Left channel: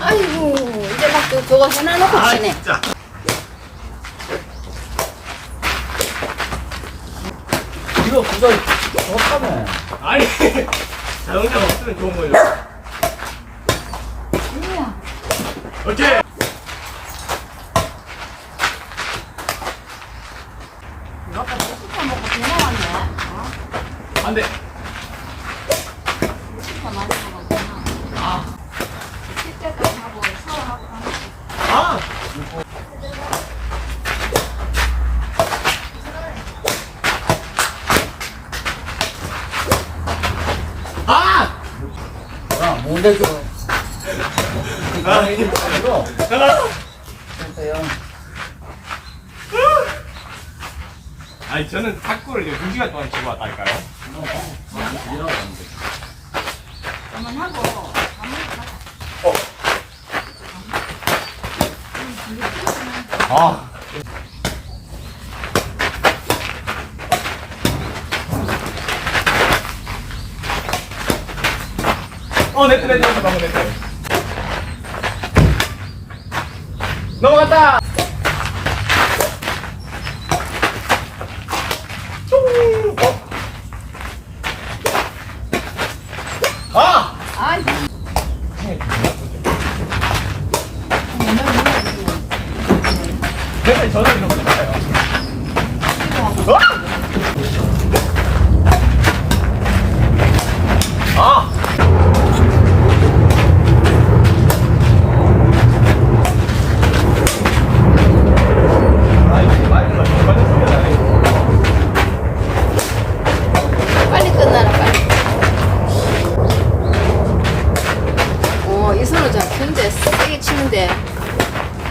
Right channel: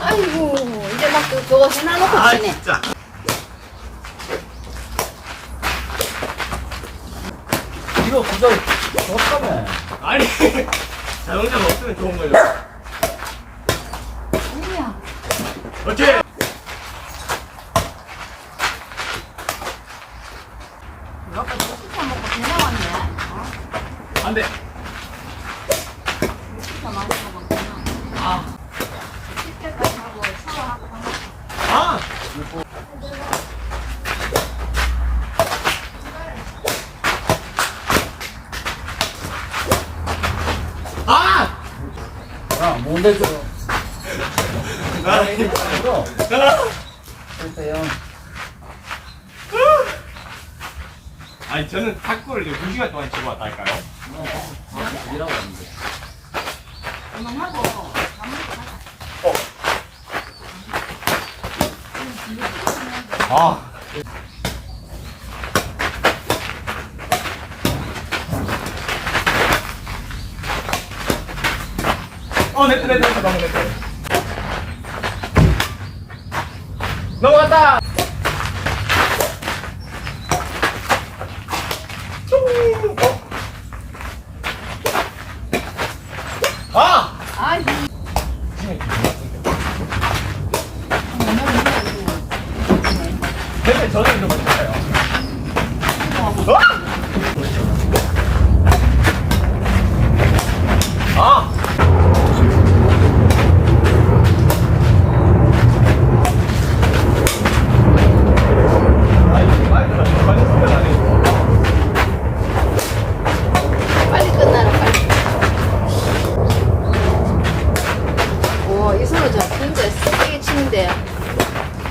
아이고 이제 막 그- 그거 해놔놓고 아, 치네 진짜. 이거 그거 좋다며. 아니, 자동차가 없으면 좋은 거예요. 아니야 어째? 아까 치카 먹고 전화 왔네 어? 안 돼. 치카 많이 먹었구나 아. 씻때까지 하고 샤워하고 다 먹고 아! 아! 야, 뭔데 좀. 아, 이거. 아! 됐어요. 아니, 저는 탁구를 이제 2시간 동안 치고 왔다니까요. 이라고 하는데. 가자 어. 아. 어, 네트, 네트, 네트, 방금 네 트. 넘어갔다!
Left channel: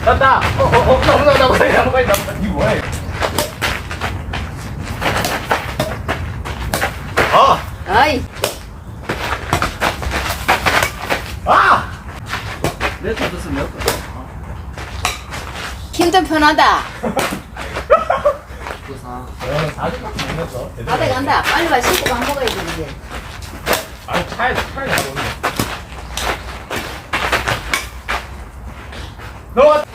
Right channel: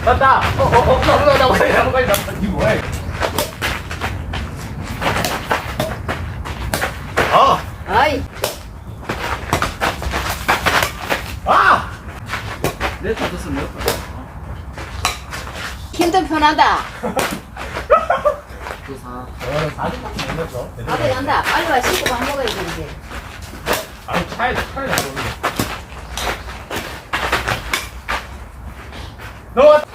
났다! 어, 어, 어, 넘어가, 넘어가, 넘어가, 넘어가. 이거 뭐야, 이거? 아! 아이 아! 내 차도서 몇 번. 힘든 편하다. 저는 40밖에 못 넣었어. 다 돼간다 빨리 와 씻고 밥 먹어야 돼 이제 아니, 차에, 차에 놔뒀네. 넘어갔다!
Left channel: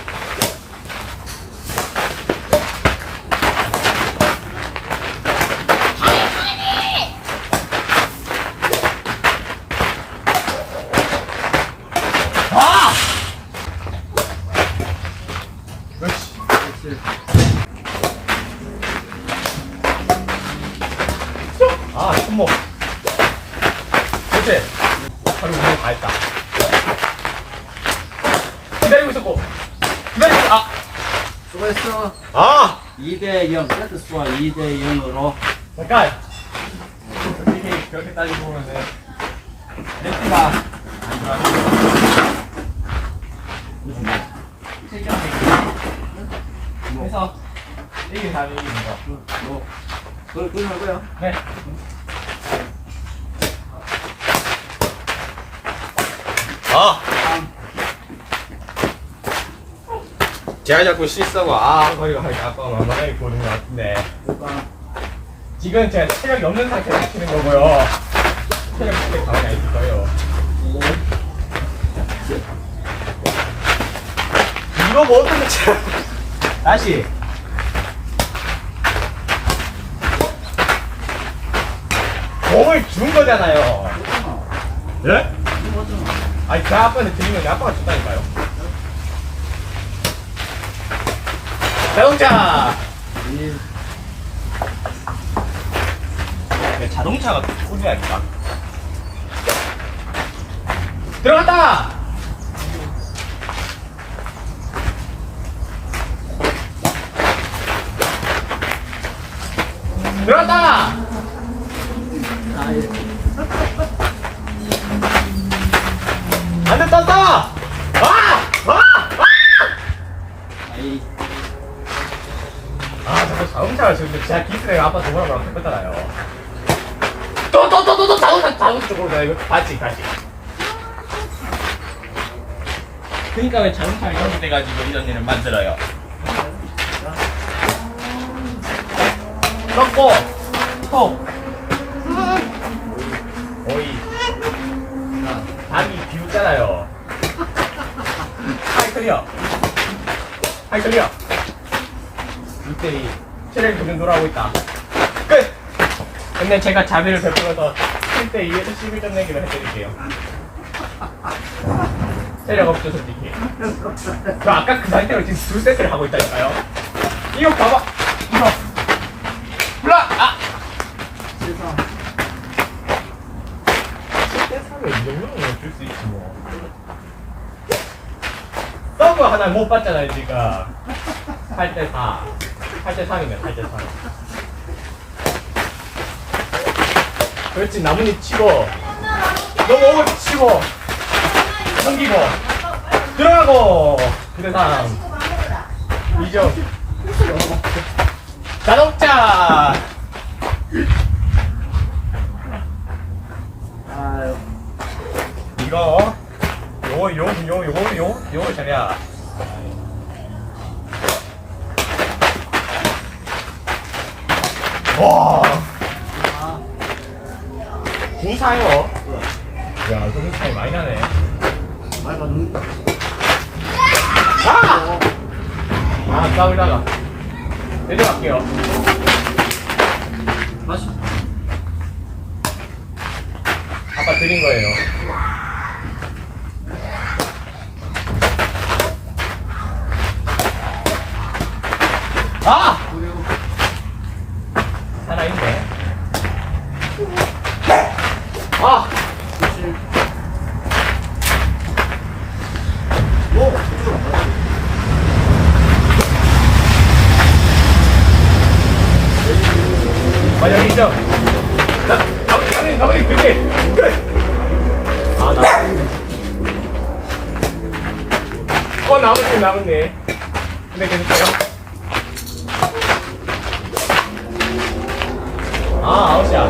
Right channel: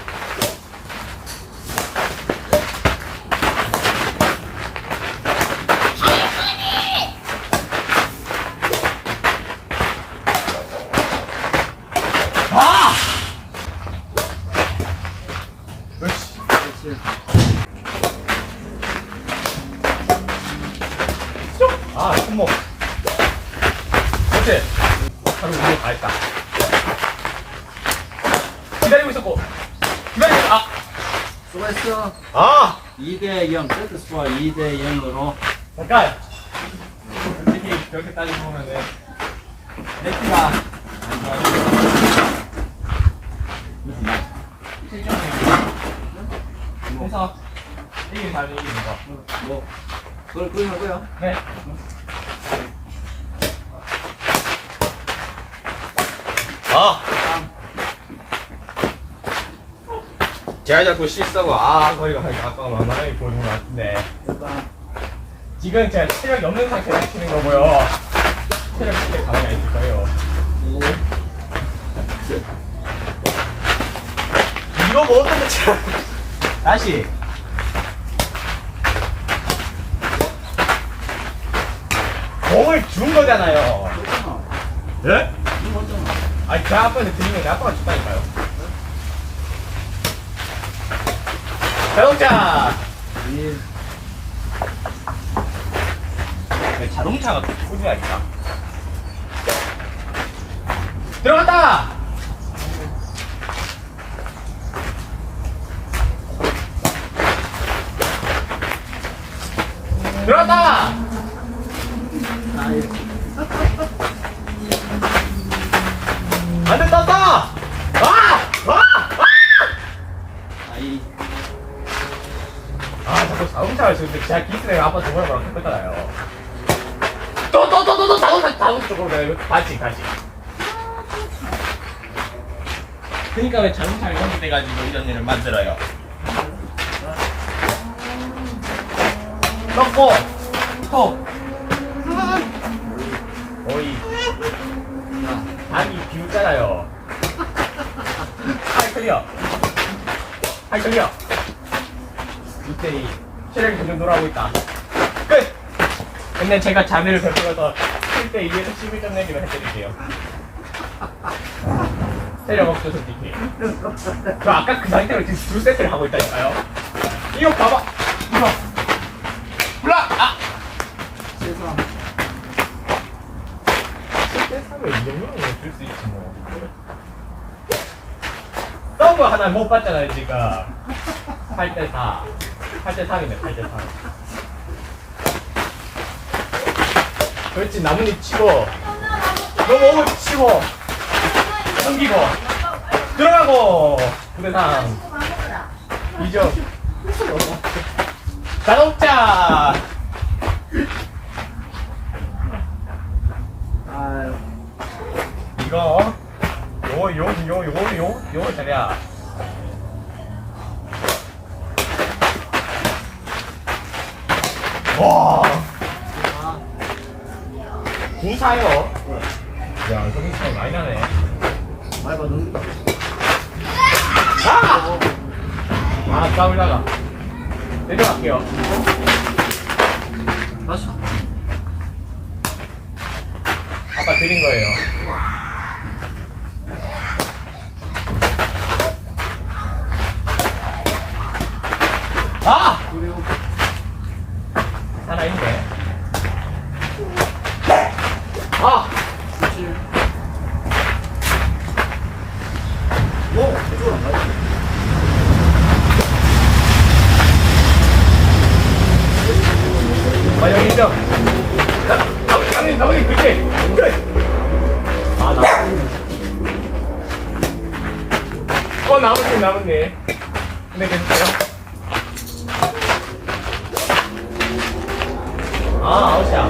아! 그렇지. 그렇지. 아, 손목. 그렇지. 운동 다 했다. 기다리고 있었고. 기다리고, 있- 아! 수고했어. 아! 2대 0. 세트 스코어 2대 0으로. 잠깐! 솔직히, 그렇게 따지고 보면은, 네트가, 무슨 말? 그 래서, 이긴 사람이 이기는 거. 뭐, 그걸 끊으고요. 네. 아! 제가 자꾸 실수하고 아 거리가 하니까 아빠가 만만하게 보는 것 같은데 지금 제가 체력이 없는 상태에서 치는 거고요 체력 그때 가만히 있을 거예요 이거 뭐 어떻게 쳐 다시. 공을 준 거잖아요. 예? 아니 제 아빠한테 드린 건데 아빠가 줬다니까요. 자동차. 이, 네, 자동차가 소리가 있다 들어갔다 들어갔다 아이, 안 됐다 아! 아! 아이, 아 자꾸 자동차를 지금 제가 기스를 아빠 저거랑 했었잖아요 또 또 또 또 또 자동차 자동차 쪽으로 가 이거 같이 같이 그러니까 왜 자동차를 연결돼가지고 이런 일을 만들어요? 넣고. 톡 오이 아니 비웃잖아요. 하이 클리어. 하이 클리어. 이때이 체력이 점점 돌아오고 있다. 끝! 근데 제가 자비를 베풀어서 7대 2에서 11점 내기로 해드릴게요. 체력 없죠 솔직히. 저 아까 그 상태로 지금 둘 세트를 하고 있다니까요. 이거 봐봐. 이거 블락 아 세상. 10대 3에 이 정도는 줄수 있지 뭐. 서브 하나 못 봤잖아요 지금 8대 4 8대 3이네 8대 3 그렇지 나뭇잎 치고. 넘어오고 치고. 넘기고. 들어가고. 9대 3 2점 자동차 아유. 이거 요거 요거 요거 요거 요거 요거 자리야 와 아. 구사요 야 성능 차이 많이 나네 말. 아! 아 싸울라가 내려갈게요. 아빠 드린 거예요 아! 그래요. 살아있네 아! 칠. 오, 이쪽으로 안 가지. 아 있죠? 가만히 가만히 가만히 그렇지 그래 아 나 어 남았네 남았네 근데 계속해요 아 아웃이야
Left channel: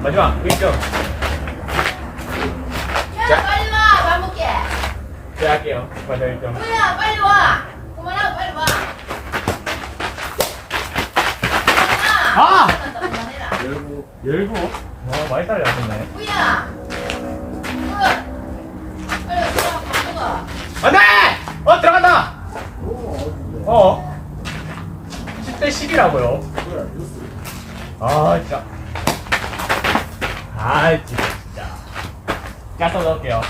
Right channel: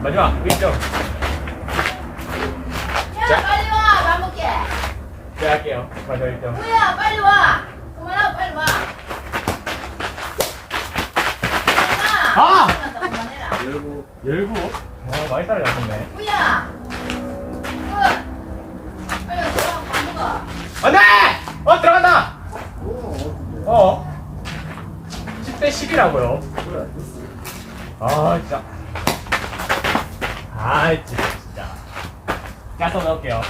마지막 1점 야, 빨리 와! 밥 먹게! 제가 할게요 마지막 1점 뭐야, 빨리 와! 그만하고 빨리 와! 아! 열고. 열고 와 많이 따라잡혔네 먹어. 안돼! 어 들어간다! 어 10대 10이라고요 그래, 됐어. 아 진짜 아 진짜 가서 넣을게요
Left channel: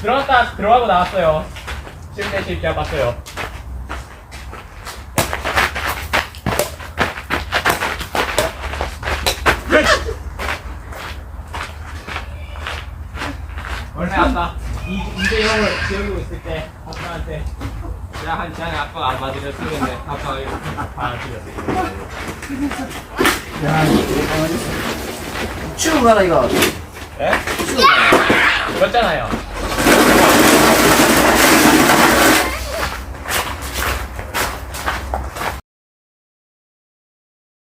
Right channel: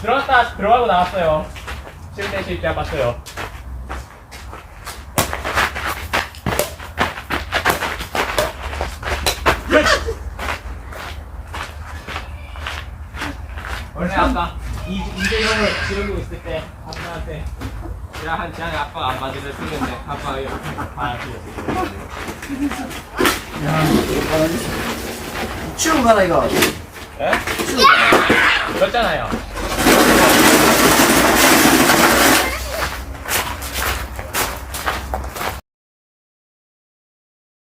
들어갔다 들어가고 나왔어요 10대 10 제가 봤어요 끝! 원래 아까 이, 이제 형을 지르고 있을 때 아빠한테 야, 한 시간에 아빠가 안 맞으려 쓰는데 아빠가 이렇게 받아들였어요. 야, 이거 치우고 가라, 이거. 예? 치우고 가라. 그렇잖아요.